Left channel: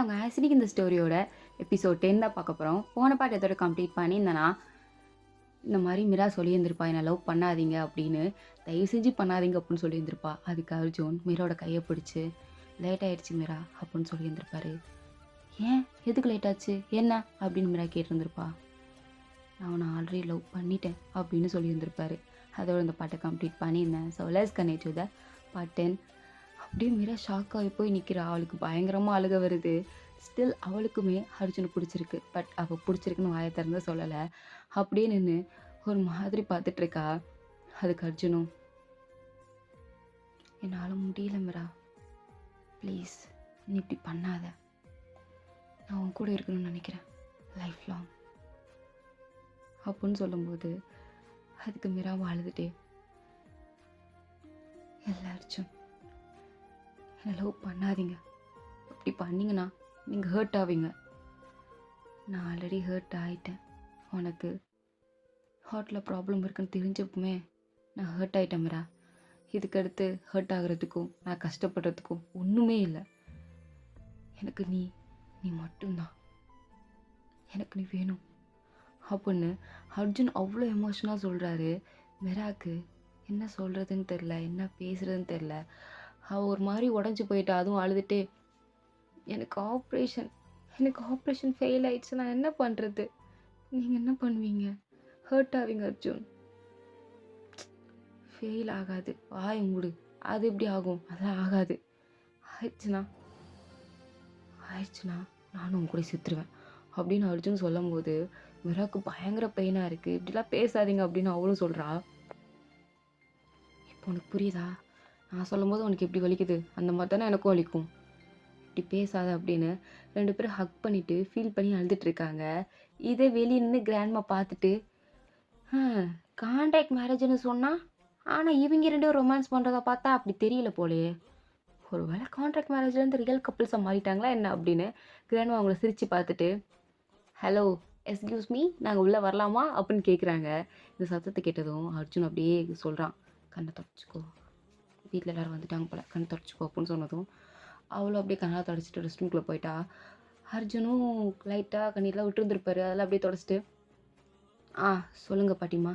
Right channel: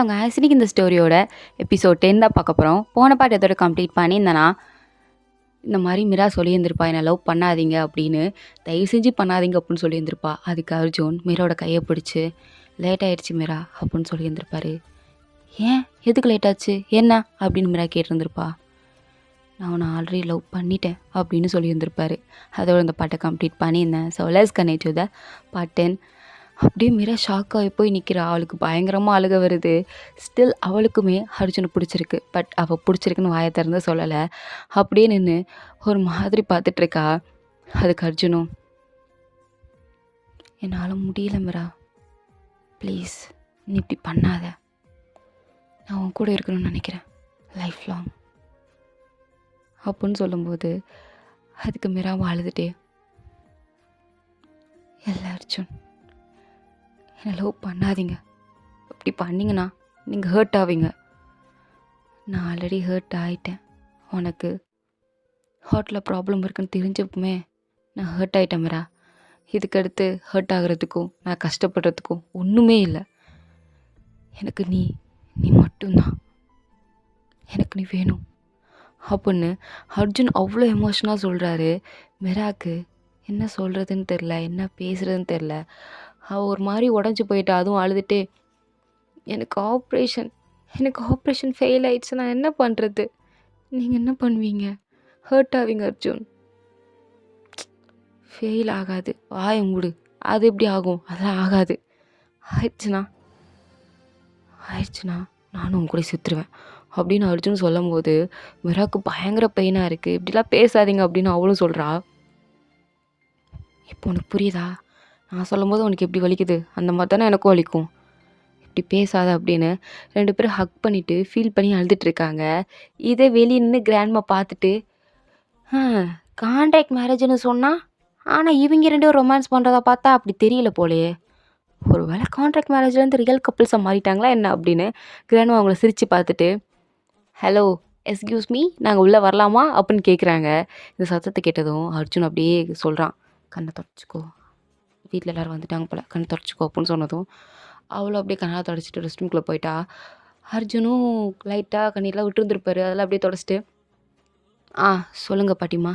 ஹலோங்க. இன்னைக்கு இந்த ஸ்டோரியோட எபிசோட் 10 தான் பார்க்க போறோம். போன பார்ட் எதோட கம்ப்ளீட் பண்ணியிருந்தேன்னா, இந்த மாரி மீரா சொல்லியிருந்திருப்பா, "என்ன லவ் பண்ணாதீங்க" அப்படின்னு. "தயவு செஞ்சு பண்ணாதீங்க" அப்படின்னு சொல்லியிருந்திருப்பா. அதுக்கு அர்ஜுன் மீராவோட கைய பிடிச்சு, "லேட் ஆயிடுச்சு மீரா" அப்படின்னு சொல்லியிருந்திருப்பாரு. "ஏன்? எதுக்கு லேட் ஆச்சு? என்ன?" அப்படின்னு மீரா கேட்டிருந்திருப்பா. "நான் உன்னை ஆல்ரெடி லவ் பண்ணிட்டேன்" அப்படின்னு சொல்லியிருந்திருப்பாரு. அதோட இந்த பாட்டை கம்ப்ளீட் பண்ணியிருந்தேன். So let's connect to the part 10. அப்படியே மீரா ஷாக் ஆகி போய் நிற்கிறா. அவளுக்கு பயங்கரமாக அழுக வருது. ஸ்டில் அவளுக்குமே அர்ஜுனை பிடிச்சிருக்கு. பட் அவள் பிடிச்சிருக்குன்னு வாயை திறந்து சொல்லலை. அப்படியே நின்று ஒரு மாதிரி பார்த்துட்ருக்கா. அதுக்கு அர்ஜுனும், "என்னால் முடியல மீரா, ப்ளீஸ் நீ இப்படி பண்ணாத. நான் உன் கூட இருக்கணும்னு நினைக்கிறேன் லைஃப் லாங்" அப்படின்னு சொல்லும்போது அதுக்கு மீராவும் அழுதுட்டே, "இல்லை அர்ஜுன், என்னை லவ் பண்ணாதீங்க. அப்படி பண்ணிங்கன்னா நீங்கள் ஹர்ட் ஆவீங்க. நான் ஆல்ரெடி ஹர்ட் ஆகிட்டேன். உனக்கு ஹார்ட்டில் ப்ராப்ளம் இருக்குன்னு தெரிஞ்சப்பமே நான் ஹர்ட் ஆகிட்டேன் மீரா. இதுக்கடுத்து ஹர்ட் ஆகிறதுக்கும் நான் கஷ்டப்படுறதுக்கும் ஒன்றுமே இல்லை. எனக்கு நீ நீ மட்டும்தான். எனக்கு நீ வேணும்" அப்படின்னு அர்ஜுன் அவ்வளோ எமோஷனாக சொல்கிறாரு. மீராக்கு என்ன சொல்கிறதுன்னு தெரில, என்ன பேசுகிறதுன்னு தெரில. அவள் ஒரு மாதிரி உடஞ்சி போயிட்டா. அதுவும் அழுதுகிட்டே, எனக்கு ஆப்ரேஷன் ஃபெயில் ஆயிடுச்சு, நான் என்ன பண்ணுறது? நீங்கள் என்ன பண்ணுவீங்க? ஹர்ட் ஆவீங்க அர்ஜுன்." "ஃபெயில் ஆகாது, வாய மூடு. அது எப்படி ஆகும்? அதெல்லாம் ஆகாது. ஆயிடுச்சுனா நானும் உன் கூட செத்துருவேன்" அப்படின்னு அர்ஜுன் சொல்லும்போது மீராவுக்கு பயங்கர பெயினாக இருக்குது. "இப்படிலாம் பேசாதீங்க" அப்படின்னு அவளும் சொல்கிறா. "இப்போ உனக்கு புரியுதா? நான் சொல்லும்போது உனக்கு எப்படி வலிக்குது? அந்த மாதிரி தானே எனக்கும் வலிக்கும். இப்படி பேசாத" அப்படின்னு 2 பேரும் ஹக் பண்ணிவிட்டு ஃபீல் பண்ணி அழுதுட்ருக்காங்க. இதே வெளியே நின்று கிராண்ட்மா பார்த்துட்டு, கான்ட்ராக்ட் மேரேஜ்னு சொன்னா, ஆனால் இவங்க 2 பேரும் ரொமான்ஸ் பண்ணுறதா பார்த்தா அப்படி தெரியல போலயே. ஒரு வேளை கான்ட்ராக்ட் மேரேஜ்லேருந்து ரியல் கப்புள்ஸாக மாறிட்டாங்களா என்ன அப்படின்னு கிராண்ட்மா அவங்கள சிரித்து பார்த்துட்டு, "ஹலோ, எஸ்கியூஸ் மீ, நாங்கள் உள்ளே வரலாமா?" அப்படின்னு கேட்குறாங்க. இந்த சத்தத்தை கேட்டதும் அர்ஜுன் அப்படியே சொல்கிறான், "கண்ணை தொடச்சிக்கோ, வீட்டில் எல்லோரும் வந்துட்டாங்க போல, கண்ணை தொடச்சிக்கோ" அப்படின்னு சொன்னதும் அவளும் அப்படியே கண்ணை தொடச்சிட்டு ரெஸ்ட் ரூம்குள்ளே போயிட்டா. அர்ஜுனும் லைட்டாக கண்ணீர்லாம் விட்டுருந்துருப்பாரு. அதெல்லாம் அப்படியே தொடச்சிட்டு, சொல்லுங்கள் பாட்டிம்மா.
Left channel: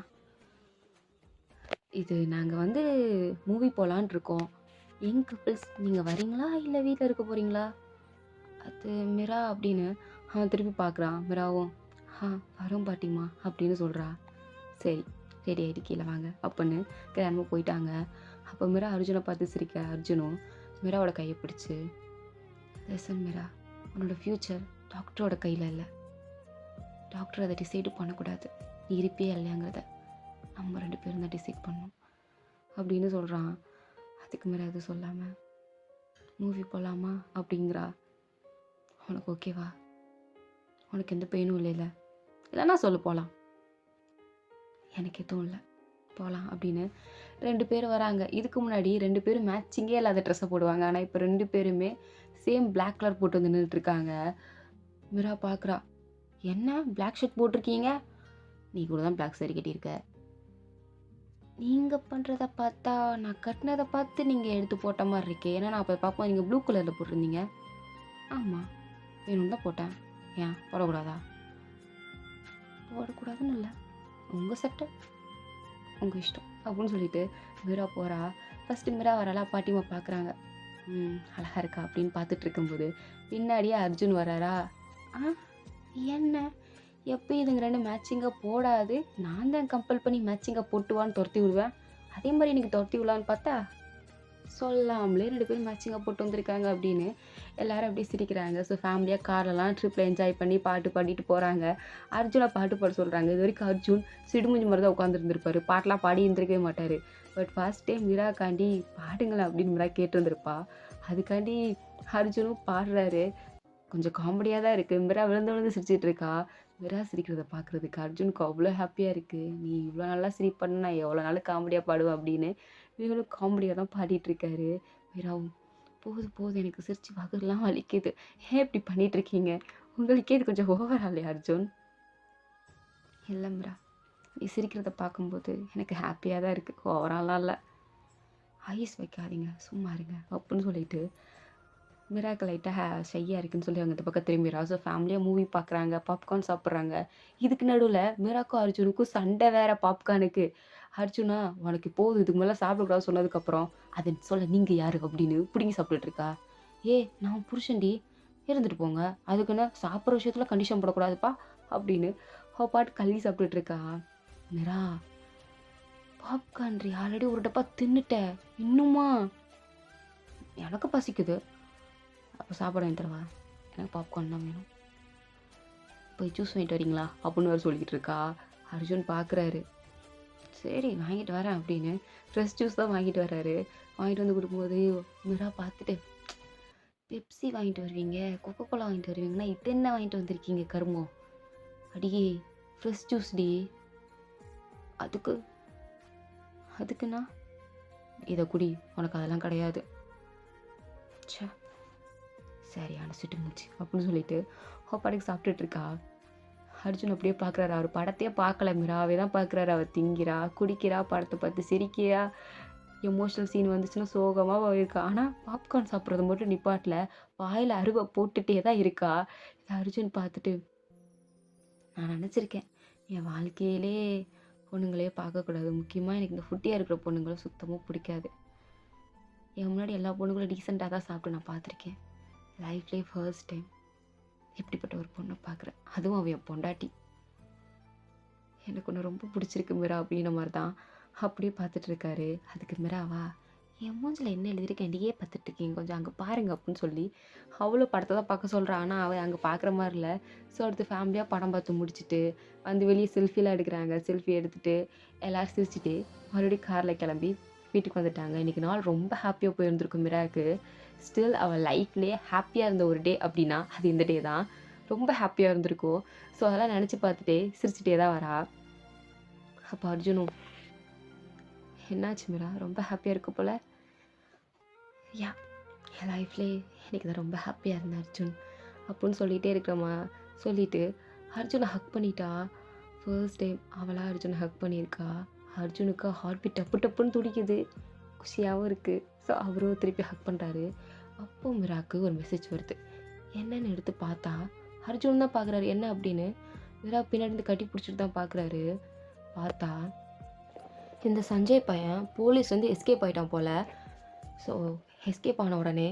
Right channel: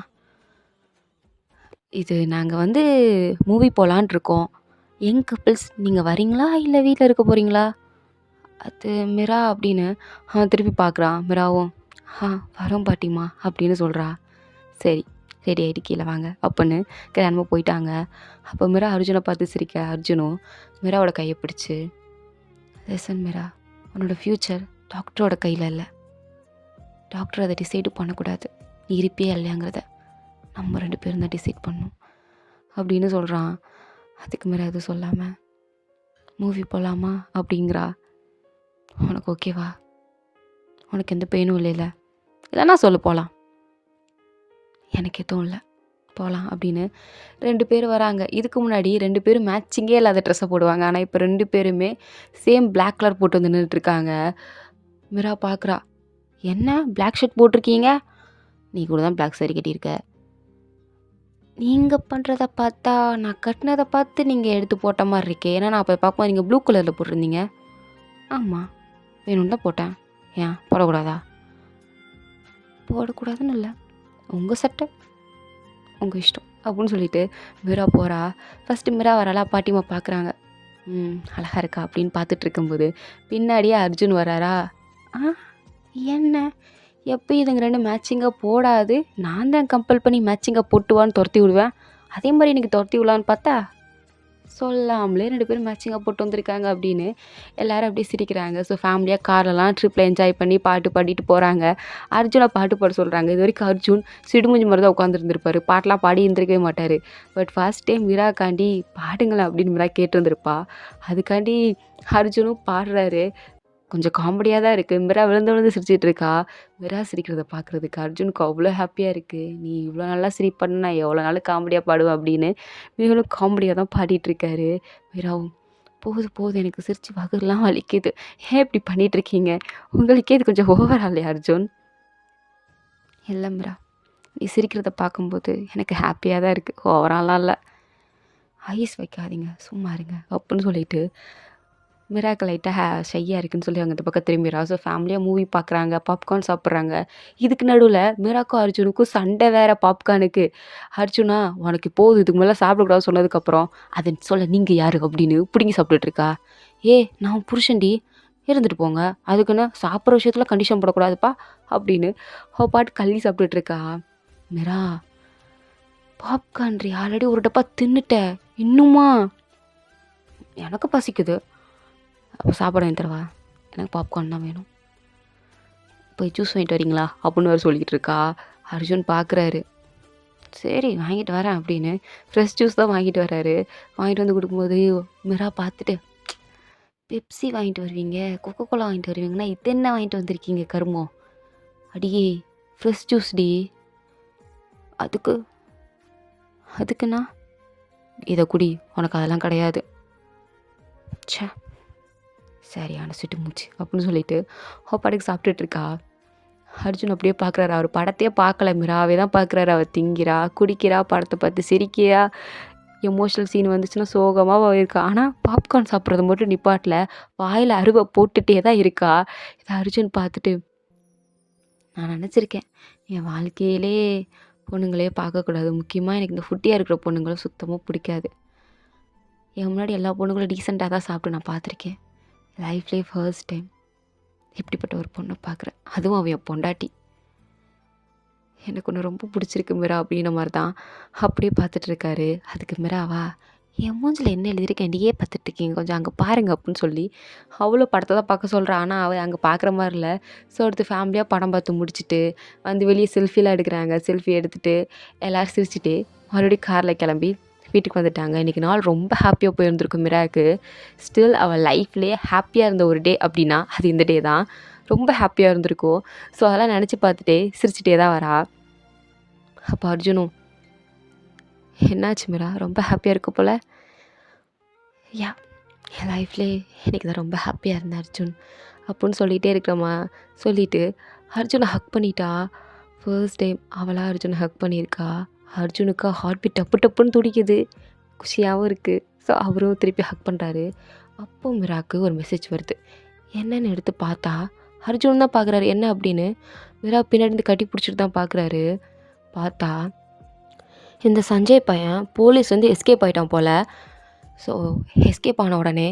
இது நாங்கள் மூவி போகலான் இருக்கோம். யங் கப்பிள்ஸ், நீங்கள் வரீங்களா இல்லை வீட்டில் இருக்க போகிறீங்களா?" அது மீரா அப்படின்னு திருப்பி பார்க்குறான். மீராவும், வரோம் பாட்டிம்மா" அப்படின்னு சொல்கிறா. "சரி, ரெடி ஆகிட்டு கீழே வாங்க" அப்படின்னு கிராண்ட்மா போயிட்டாங்க. அப்போ மீரா அர்ஜுனை பார்த்து சிரிக்க. அர்ஜுனும் மீராவோட கையை பிடிச்சி, "லிசன் மீரா, உன்னோட ஃப்யூச்சர் டாக்டரோட கையில் இல்லை. டாக்டர் அதை டிசைடு பண்ணக்கூடாது. நீ இருப்பியா இல்லையாங்கிறத நம்ம 2 பேரும் தான் டிசைட் பண்ணணும்" அப்படின்னு சொல்கிறான். அதுக்கு மீரா எதுவும் சொல்லாமல், "மூவி போகலாமா?" அப்படிங்கிறா. "உனக்கு ஓகேவா? உனக்கு எந்த பெயினும் இல்லைல்ல? இல்லைன்னா சொல்லு, போகலாம்." "எனக்கு எதுவும் இல்லை, போகலாம்" அப்படின்னு 2 பேர் வராங்க. இதுக்கு முன்னாடி 2 பேரும் மேட்சிங்கே இல்லாத ட்ரெஸ்ஸை போடுவாங்க. ஆனால் இப்போ 2 பேருமே சேம் பிளாக் கலர் போட்டு வந்து நின்றுட்டுருக்காங்க. மீரா பார்க்குறா. "என்ன பிளாக் ஷர்ட் போட்டிருக்கீங்க? நீ கூட தான் பிளாக் சாரி கட்டியிருக்க. நீங்கள் பண்ணுறத பார்த்தா நான் கட்டினதை பார்த்து நீங்கள் எடுத்து போட்ட மாதிரி இருக்கே. ஏன்னா நான் அப்போ பார்க்கும்போது நீங்கள் ப்ளூ கலரில் போட்டிருந்தீங்க." "ஆமாம், வேணும்னு தான் போட்டேன். ஏன் போடக்கூடாதா?" "போடக்கூடாதுன்னு இல்லை, உங்கள் சட்டை, உங்கள் இஷ்டம்" அப்படின்னு சொல்லிட்டு மீரா போகிறா. ஃபஸ்ட்டு மீரா வராளா, பாட்டிமா பார்க்குறாங்க. அழகாக இருக்கா அப்படின்னு பார்த்துட்டு இருக்கும்போது பின்னாடியே அர்ஜுன் வராரா. "என்ன, எப்போ இதுங்க 2 மேட்சிங்காக போடாது, நான் தான் கம்பல் பண்ணி மேட்சிங்காக போட்டுவான்னு துரத்தி விடுவேன். அதே மாதிரி எனக்கு துரத்தி விடலான்னு பார்த்தா சொல்லாமலே 2 பேரும் மேட்சிங்காக போட்டு வந்திருக்காங்க" அப்படின்னு எல்லோரும் அப்படியே சிரிக்கிறாங்க. ஸோ ஃபேமிலியாக கார்லலாம் ட்ரிப்பில் என்ஜாய் பண்ணி பாட்டு பாடிட்டு போகிறாங்க. அர்ஜுனை பாட்டு பாட சொல்கிறாங்க. இது வரைக்கும் அர்ஜுன் சிடுமூஞ்சி மாதிரி தான் உட்காந்துருந்துருப்பாரு. பாட்டெலாம் பாடி இருந்திருக்கவே மாட்டார். பட் ஃபர்ஸ்ட் டைம் மீராக்காண்டி பாடுங்களேன் அப்படின்னு மீரா கேட்டிருந்துருப்பா. அதுக்காண்டி அர்ஜுனும் பாடுறாரு. கொஞ்சம் காமெடியாக தான் இருக்குது. மீரா விழுந்து விழுந்து சிரிச்சிட்டு இருக்கா. மீரா சிரிக்கிறத பார்க்குறதுக்கு அர்ஜுனுக்கு அவ்வளோ ஹாப்பியாக இருக்குது. "நீ இவ்வளோ நல்லா சிரிப்பன்னு நான் எவ்வளோ நாள் காமெடியாக பாடுவேன்" அப்படின்னு இவங்களும் காமெடியாக தான் பாடிட்டுருக்காரு. மீராவும், போதும் எனக்கு சிரிச்சு வகுறுலாம் வலிக்குது. ஏன் இப்படி பண்ணிகிட்ருக்கீங்க? உங்களுக்கே இது கொஞ்சம் ஓவரா இல்லையா அர்ஜுன்?" "இல்லை மீரா, நீ சிரிக்கிறத பார்க்கும்போது எனக்கு ஹாப்பியாக தான் இருக்குது, ஓவராலாம் இல்லை. ஐஸ் வைக்காதீங்க, சும்மா இருங்க" அப்படின்னு சொல்லிட்டு மிராக்கு லைட்டாக ஷையாக இருக்குன்னு சொல்லி அவங்க இந்த பக்கம் திரும்பிடுறா. ஸோ ஃபேமிலியாக மூவி பார்க்குறாங்க, பாப்கார்ன் சாப்பிட்றாங்க. இதுக்கு நடுவில் மிராக்கும் அர்ஜுனுக்கும் சண்டை வேற பாப்கார்னுக்கு. அர்ஜுனா உனக்கு போதும் இதுக்கு மேலே சாப்பிடக்கூடாதுன்னு சொன்னதுக்கப்புறம் அதை சொல்ல நீங்கள் யாரு அப்படின்னு பிடுங்கி சாப்பிட்டுட்டு இருக்கா. நான் உன் புருஷன்டி இருந்துட்டு போங்க, அதுக்குன்னு சாப்பிட்ற விஷயத்தில் கண்டிஷன் போடக்கூடாதுப்பா அப்படின்னு அவள் பாட்டு கள்ளி சாப்பிட்டுட்டு இருக்கா. மிரா பாப்கார்ன்ரி ஆல்ரெடி ஒரு டப்பா தின்னுட்டேன், இன்னுமா? எனக்கு பசிக்குது, அப்போ சாப்பாடு வாங்கி தரவா? எனக்கு பாப்கார்ன் தான் வேணும், போய் ஜூஸ் வாங்கிட்டு வரீங்களா அப்படின்னு வேறு சொல்லிக்கிட்டு இருக்கா. அர்ஜுன் பார்க்குறாரு, சரி வாங்கிட்டு வரேன் அப்படின்னு ஃப்ரெஷ் ஜூஸ் தான் வாங்கிட்டு வர்றாரு. வாங்கிட்டு வந்து கொடுக்கும்போது மிரா பார்த்துட்டு, பெப்சி வாங்கிட்டு வருவீங்க, கொக்கோ கோலா வாங்கிட்டு வருவீங்கன்னா இது என்ன வாங்கிட்டு வந்திருக்கீங்க கருமம்? அடியே ஃப்ரெஷ் ஜூஸ் டி, அதுக்கு அதுக்குண்ணா இதை குடி, உனக்கு அதெல்லாம் கிடையாது. ச்சே சரியான சுட்டு மூச்சு அப்படின்னு சொல்லிட்டு பாட்டுக்கு சாப்பிட்டுட்டு இருக்கா. அர்ஜுன் அப்படியே பார்க்குறாரு, அவர் படத்தையே பார்க்கல, மிராவே தான் பார்க்குறாரு. அவள் திங்கிறா, குடிக்கிறா, படத்தை பார்த்து சிரிக்கிறா, எமோஷ்னல் சீன் வந்துச்சுன்னா சோகமாக இருக்கா. ஆனால் பாப்கார்ன் சாப்பிட்றது மட்டும் நிப்பாட்டில் வாயில் அருவை போட்டுகிட்டே தான் இருக்கா. இதை அர்ஜுன் பார்த்துட்டு, நான் நினச்சிருக்கேன் என் வாழ்க்கையிலே பொண்ணுங்களே பார்க்கக்கூடாது, முக்கியமாக எனக்கு இந்த ஃபுட்டியாக இருக்கிற பொண்ணுங்களும் சுத்தமாக பிடிக்காது. என் முன்னாடி எல்லா பொண்ணுங்களும் டீசெண்டாக தான் சாப்பிட்டு நான் பார்த்துருக்கேன். லைஃப்லேயே ஃபர்ஸ்ட் டைம் இப்படிப்பட்ட ஒரு பொண்ணை பார்க்குறேன், அதுவும் அவன் என் பொண்டாட்டி. எனக்கு ஒன்று ரொம்ப பிடிச்சிருக்கு மிரா அப்படின்ற மாதிரி தான் அப்படியே பார்த்துட்டு இருக்காரு. அதுக்கு மிராவா, என் மூஞ்சில் என்ன எழுதியிருக்கேன் நீயே பார்த்துட்டு இருக்கீங்க, கொஞ்சம் அங்கே பாருங்க அப்படின்னு சொல்லி அவ்வளோ படத்தை தான் பார்க்க சொல்கிறான். ஆனால் அவன் அங்கே பார்க்குற மாதிரி இல்லை. ஸோ அடுத்து ஃபேமிலியாக படம் பார்த்து முடிச்சுட்டு வந்து வெளியே செல்ஃபிலாம் எடுக்கிறாங்க. செல்ஃபி எடுத்துகிட்டு எல்லோரும் சிரிச்சுட்டு மறுபடியும் காரில் கிளம்பி வீட்டுக்கு வந்துட்டாங்க. இன்றைக்கி நாள் ரொம்ப ஹாப்பியாக போயிருந்துருக்கும் மிராக்கு. ஸ்டில் அவள் லைஃப்லேயே ஹாப்பியாக இருந்த ஒரு டே அப்படின்னா அது இந்த டே தான். ரொம்ப ஹாப்பியாக இருந்திருக்கும். ஸோ அதெல்லாம் நினச்சி பார்த்துட்டே சிரிச்சிட்டே தான் வரா. அப்போ அர்ஜுனும், என்னாச்சு மிரா, ரொம்ப ஹாப்பியாக இருக்க போல்? யா, என் லைஃப்லேயே எனக்கு தான் ரொம்ப ஹாப்பியாக இருந்தேன் அர்ஜுன் அப்படின்னு சொல்லிகிட்டே இருக்கிறம்மா. சொல்லிவிட்டு அர்ஜுனை ஹக் பண்ணிட்டா. ஃபர்ஸ்ட் டைம் அவளாக அர்ஜுனை ஹக் பண்ணியிருக்கா. அர்ஜுனுக்கு ஹார்ட் பீட் டப்பு டப்புன்னு துடிக்குது, குஷியாகவும் இருக்குது. ஸோ அவரும் திருப்பி ஹக் பண்ணுறாரு. அப்போ மிராக்கு ஒரு மெசேஜ் வருது. என்னென்னு எடுத்து பார்த்தா அர்ஜுன் தான் பார்க்குறாரு. என்ன அப்படின்னு மிரா பின்னாடி இருந்து கட்டி பிடிச்சிட்டு தான் பார்க்குறாரு. பார்த்தா இந்த சஞ்சய் பையன் போலீஸ் வந்து எஸ்கேப் ஆகிட்டான் போல். ஸோ எஸ்கேப் ஆன உடனே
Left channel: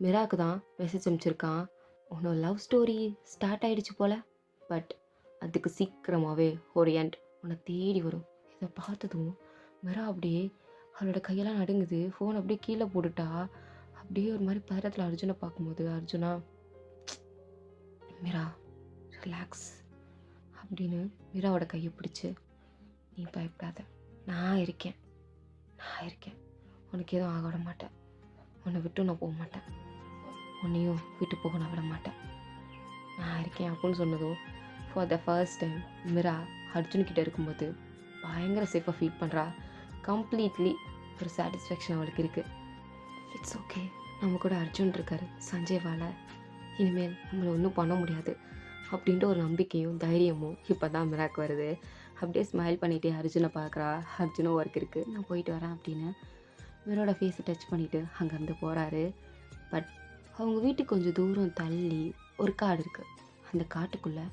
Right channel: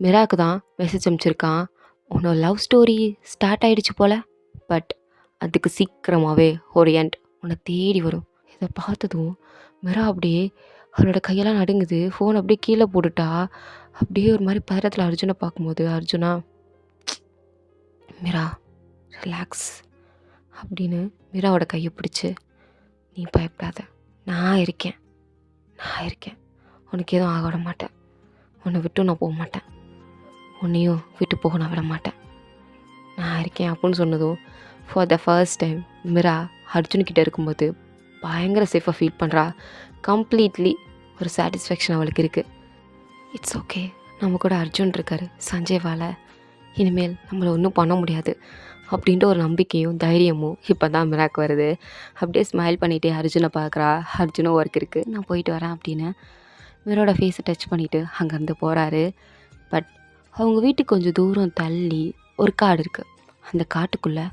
மிராக்கு தான் மெசேஜ் அனுப்பிச்சிருக்கான், உன்னோட லவ் ஸ்டோரி ஸ்டார்ட் ஆகிடுச்சு போல், பட் அதுக்கு சீக்கிரமாகவே ஒரு எண்ட் உன்னை தேடி வரும். இதை பார்த்ததும் மிரா அப்படியே அவரோட கையெல்லாம் நடுங்குது. ஃபோன் அப்படியே கீழே போட்டுட்டா. அப்படியே ஒரு மாதிரி பதட்டத்தில் அர்ஜுனை பார்க்கும்போது, அர்ஜுனா மிரா ரிலாக்ஸ் அப்படின்னு மிராவோட கையை பிடிச்சி, நீ பயப்படாத, நான் இருக்கேன், உனக்கு எதுவும் ஆக விட மாட்டேன், உன்னை விட்டு நான் போக மாட்டேன், உன்னையும் விட்டு போக நான் விட மாட்டேன், நான் இருக்கேன் அப்படின்னு சொன்னதும் ஃபார் த ஃபர்ஸ்ட் டைம் மிரா அர்ஜுன்கிட்ட இருக்கும்போது பயங்கர சேஃபாக ஃபீல் பண்ணுறா. கம்ப்ளீட்லி ஒரு சாட்டிஸ்ஃபேக்ஷன் அவளுக்கு இருக்குது. இட்ஸ் ஓகே, நம்ம கூட அர்ஜுன் இருக்கார், சஞ்சய்வால் இனிமேல் நம்மளை ஒன்றும் பண்ண முடியாது அப்படின்ட்டு ஒரு நம்பிக்கையும் தைரியமும் இப்போ தான் மிராக்கு வருது. அப்படியே ஸ்மைல் பண்ணிகிட்டே அர்ஜுனை பார்க்குறா. அர்ஜுனும் ஒர்க் இருக்குது, நான் போயிட்டு வரேன் அப்படின்னு மிரோட ஃபேஸை டச் பண்ணிவிட்டு அங்கேருந்து போகிறாரு. பட் அவங்க வீட்டுக்கு கொஞ்சம் தூரம் தள்ளி ஒரு காடு இருக்குது. அந்த காட்டுக்குள்ளே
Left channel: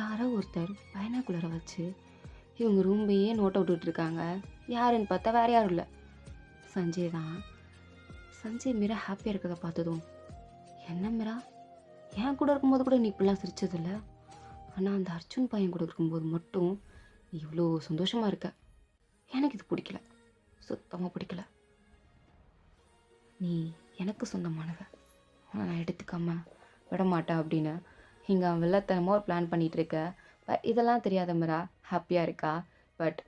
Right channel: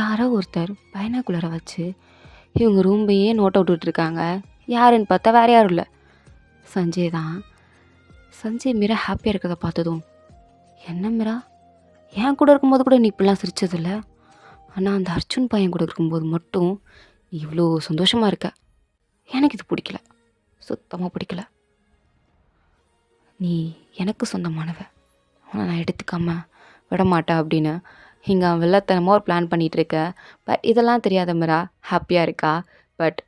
யாரோ ஒருத்தர் பைனாகுலரை வச்சு இவங்க ரூம்பையே நோட் அவுட் விட்டுருக்காங்க. யாருன்னு பார்த்தா வேறு யாரும் இல்லை, சஞ்சய் தான். சஞ்சய் மிரா ஹாப்பியாக இருக்கிறத பார்த்ததும், என்ன மிரா, என் கூட இருக்கும்போது கூட நீ இப்படிலாம் சிரிச்சதில்ல, ஆனால் அந்த அர்ஜுன் பையன் கூட இருக்கும்போது மட்டும் நீ இவ்வளோ சந்தோஷமாக இருக்க, எனக்கு இது பிடிக்கல, சுத்தமாக பிடிக்கல. நீ எனக்கு சொந்தமானவ, ஆனால் நான் எடுத்துக்காம விட மாட்டேன் அப்படின்னு இங்கே வெள்ளத்தனமாக ஒரு பிளான் பண்ணிகிட்டு இருக்க. பட் இதெல்லாம் தெரியாத மிரா ஹாப்பியாக இருக்கா. பட்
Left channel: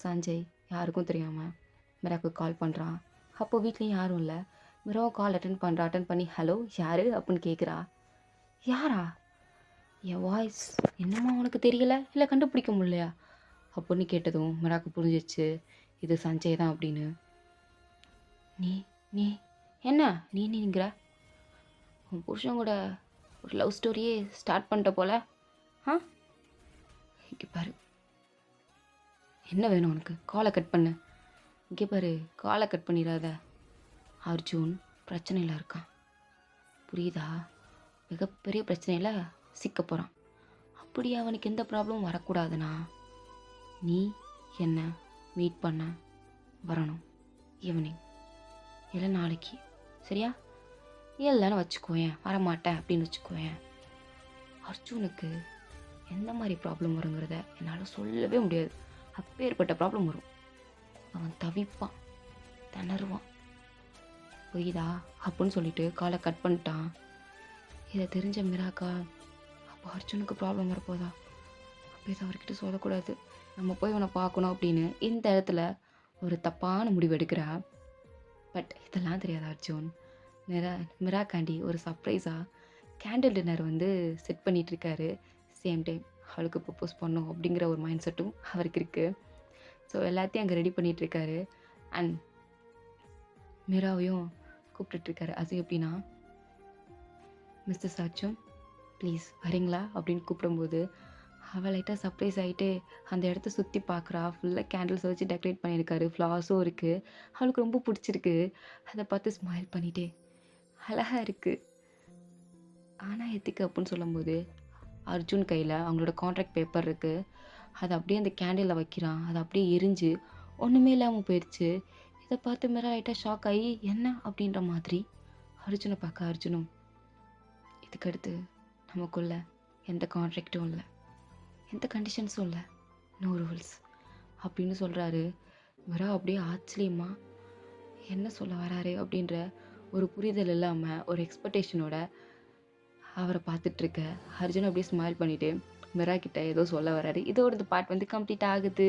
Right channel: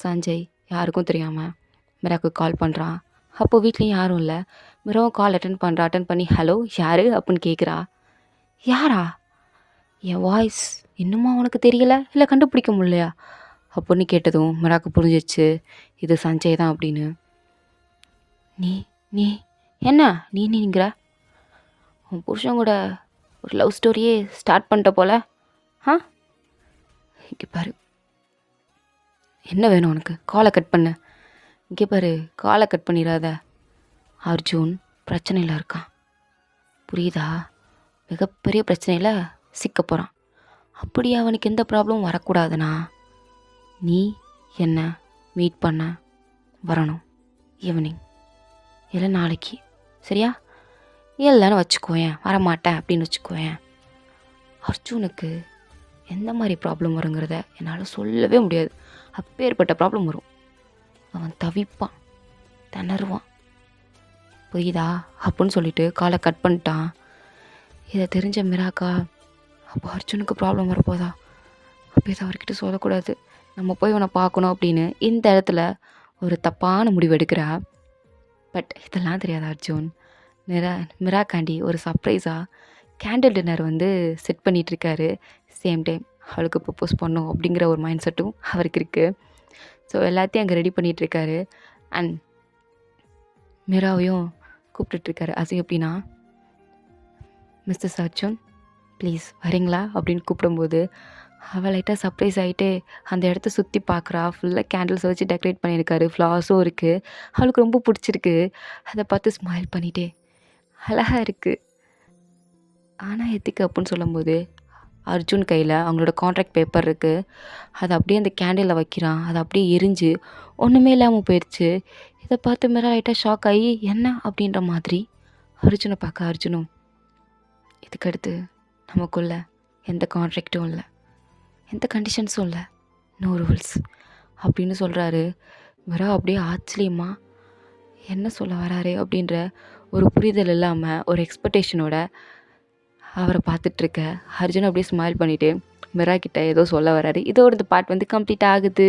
சஞ்சய் யாருக்கும் தெரியாமல் மிராக்கு கால் பண்ணுறான். அப்போது வீட்லேயும் யாரும் இல்லை. மிராவும் கால் அட்டன் பண்ணி ஹலோ யார் அப்படின்னு கேட்குறா. யாரா, என் வாய்ஸ் இன்னுமா உனக்கு தெரியல, இல்லை கண்டுபிடிக்க முடியலையா அப்படின்னு கேட்டதும் மிராக்கு புரிஞ்சிச்சு இது சஞ்சய் தான் அப்படின்னு. நீ நீ என்ன நீங்கிற, உன் புருஷன் கூட ஒரு லவ் ஸ்டோரியே ஸ்டார்ட் பண்ணிட்ட போல. இங்கே பாரு, என்ன வேணும் உனக்கு, காலை கட் பண்ணு. இங்கே பாரு, காலை கட் பண்ணிடாத, அர்ஜுன் பிரச்சனையில் இருக்கான், புரியுதா? மிகப்பெரிய பிரச்சனையில சிக்க போறான். அப்படி அவனுக்கு எந்த ப்ராப்ளமும் வரக்கூடாதுன்னா, நீ என்ன மீட் பண்ண வரணும். ஈவினிங். இல்ல நாளைக்கு. சரியா? இல்லன்னு வச்சுக்கோயேன். வரமாட்டேன் அப்படின்னு வச்சுக்கோயேன். அர்ஜுனுக்கு எந்த மாரி ப்ராப்ளம் வருங்கிறத என்னால சொல்லவே முடியாது. அப்பேற்பட்ட ப்ராப்ளம் வரும். அவன் தவிப்பான். திணறுவான். புரியுதா? அப்புட்ன்னு சொல்லிட்டு கால கட் பண்ணிட்டான். இத தெரிஞ்ச மிராக்கா, அப்போ அர்ஜுனுக்கு ப்ராப்ளம் வரப்போதா? அப்ப இத அவர்கிட்ட சொல்லக்கூடாது. நம்ம போய் இவன பார்க்கணும் அப்படின்னு இந்த இடத்துல ஒரு தப்பான முடிவு எடுக்கிறா. பட் இதெல்லாம் தெரியாத அர்ஜுன், மிரா மிராக்காண்டி ஒரு சர்ப்ரைஸா கேண்டில் டின்னர் வந்து செட் பண்ணிட்டுருக்காரு. சேம் டைம் அவளுக்கு ப்ரப்போஸ் பண்ணணும் அப்படிங்கிற ஒரு மைண்ட் செட்டும் அவருக்கு இருக்கு. ஸோ எல்லாத்தையும் அங்கே ரெடி பண்ணிகிட்ருக்காரு. அண்ட் மிராவையும் கூப்பிட்டுட்ருக்காரு. அது எப்படின்னா, மிஸ்டர் அர்ஜுன் ப்ளீஸ் வரீங்களா அப்படின்னு கூப்பிடும்போது, அவள் லைட்டாக சர்ப்ரைஸ் ஆகிட்டு அந்த இடத்த சுற்றி பார்க்குறா. ஃபுல்லாக கேண்டில்ஸ் வச்சு டெக்கரேட் பண்ணியிருக்காரு. ஃப்ளவர்ஸும் இருக்குது. அவளுக்கு ரொம்ப பிடிச்சிருக்கு. அதை பார்த்து ஸ்மைல் பண்ணிட்டே, அழகா இருக்குது. ஆனால் எதுக்கு அப்புடின்னு சொல்லும்போது, அர்ஜுன் கையில் அவங்களோட கான்ட்ராக்ட் பேப்பர் இருக்குது. அதை அப்படியே அந்த கேண்டிலில் வைக்கிறான். அது அப்படியே எரிஞ்சு ஒன்றுமே இல்லாமல் போயிடுச்சு. இதை பார்த்து மிரா லைட்டாக ஷாக் ஆகி என்ன அப்படின்ற மாதிரி அர்ஜுனை பார்க்க, அர்ஜுனும் இதுக்கடுத்து நமக்குள்ள எந்த கான்ட்ராக்டும் இல்லை, எந்த கண்டிஷன்ஸும் இல்லை, நோ ரூல்ஸ் அப்படின்னு சொல்கிறாரு. மிரா அப்படியே ஆச்சரியமா என்ன சொல்ல வராரு அப்படின்ற ஒரு புரிதல் இல்லாமல் ஒரு எக்ஸ்பெக்டேஷனோட அவரை பார்த்துட்ருக்க அர்ஜுன் அப்படியே ஸ்மைல் பண்ணிவிட்டு மிரா கிட்ட ஏதோ சொல்ல வராரு. இதோட இந்த பார்ட் வந்து கம்ப்ளீட் ஆகுது.